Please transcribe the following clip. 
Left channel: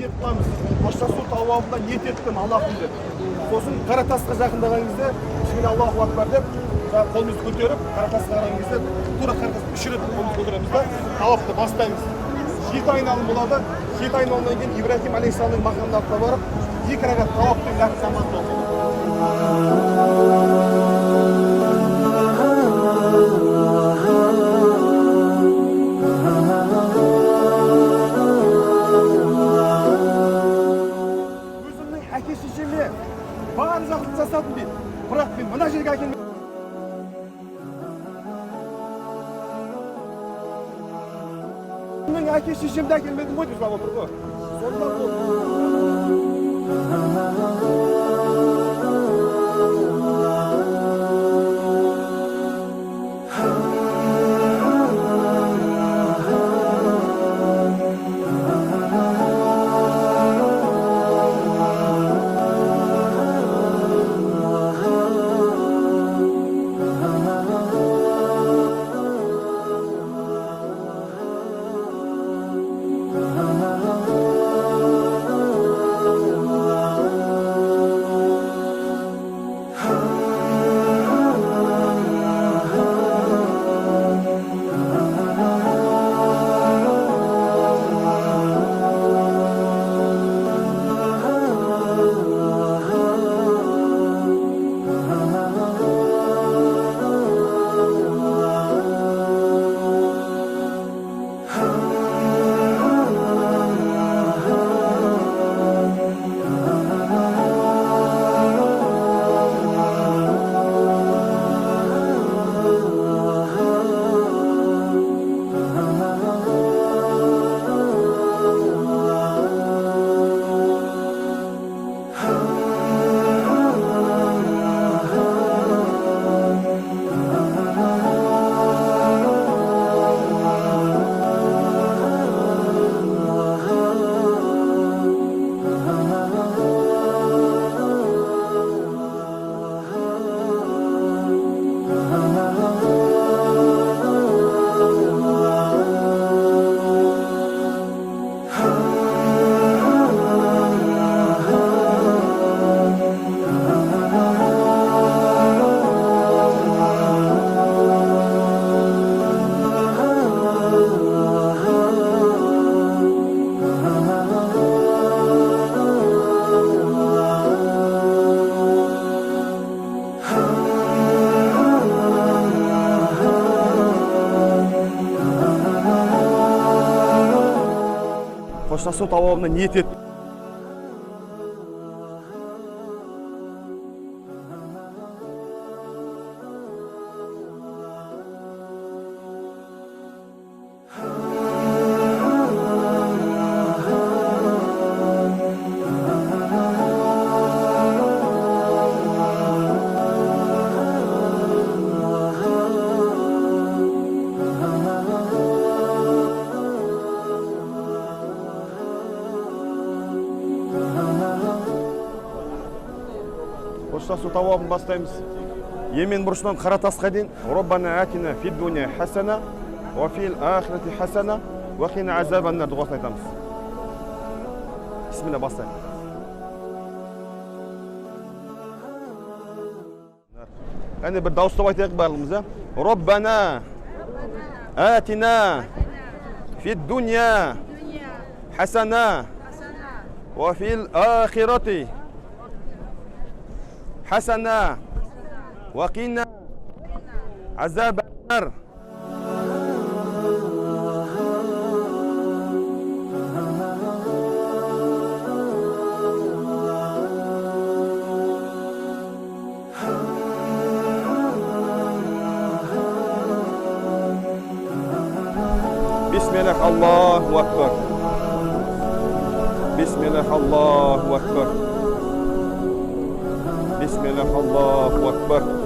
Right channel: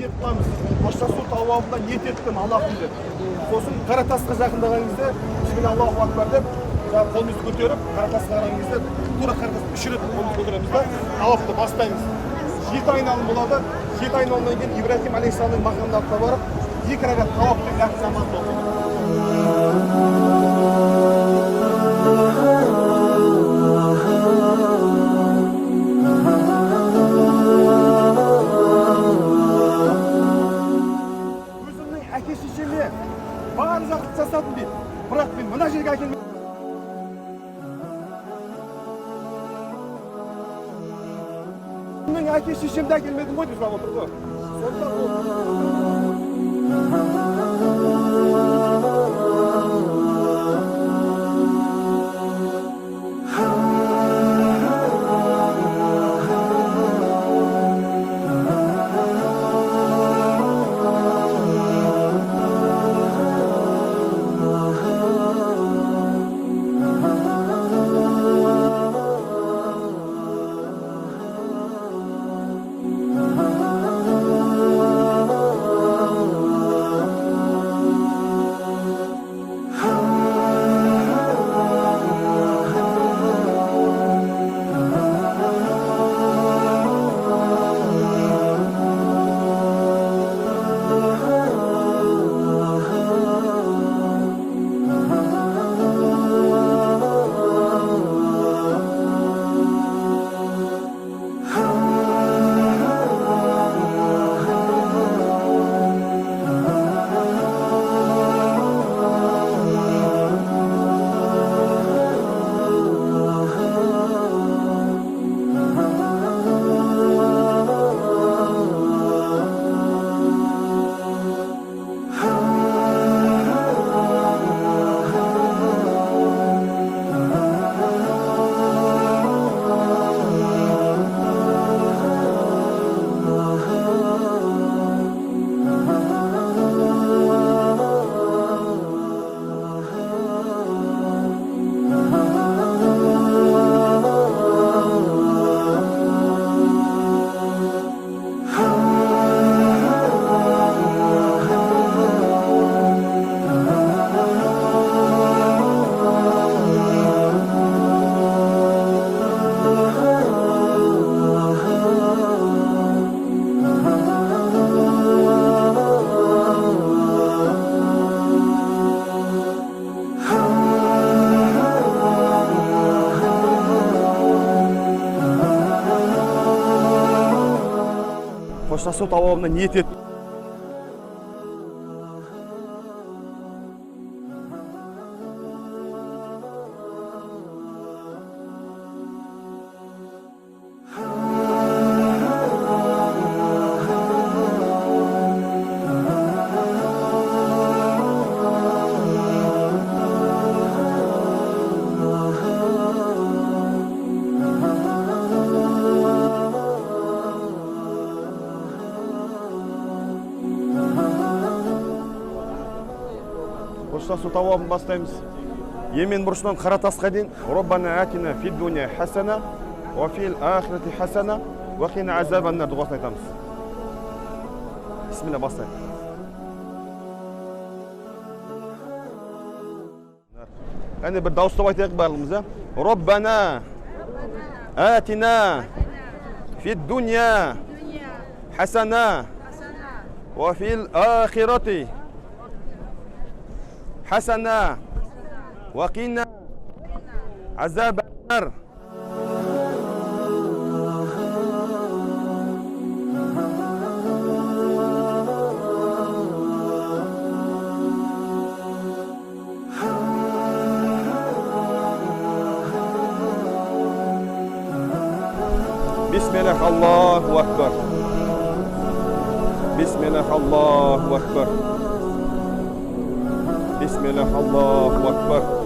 ниет қыламыз. Қоштасу тауабында ниет еттім Аллахым деп. Сосын қара тасқа жақындаған кезде бисмилля Аллаху акбар деп қолымызды көтеріп, қара тасқа қараған кезде тура қара тасқа 3 рет қолымызды көтереміз да тауапты бастаймыз. 7 айналым болады. 7 айналымнан кейін Ибрахим алейхиссаламның мақамына барып 2 рәкат тауаптың нәпсі намазын оқиды. Әке-шешеме бар жақсы жасадым дейді. Бірақ мен мына жерге әкелмедім. Мен әке-шешемді әкелмедім ғой деп сұрап отыр ғой. Сонда бұл қоштасу тауабына ниет еттім. Қоштасу тауабын бастаймыз. Емен бұрышынан қара тасқа дейін Роббана атина фид дуния хасана ва фил ахирати хасана ва қина азабан нар дұғасын айтамыз. Бисмилля бастаймыз. Әне бір дауыстап айтайық барлығымыз. Роббана атина фид дуния хасана ва фил ахирати حسنا وقنا عذاب النار. بسم الله الله أكبر. بسم الله الله أكبر. بسم الله الله أكبر.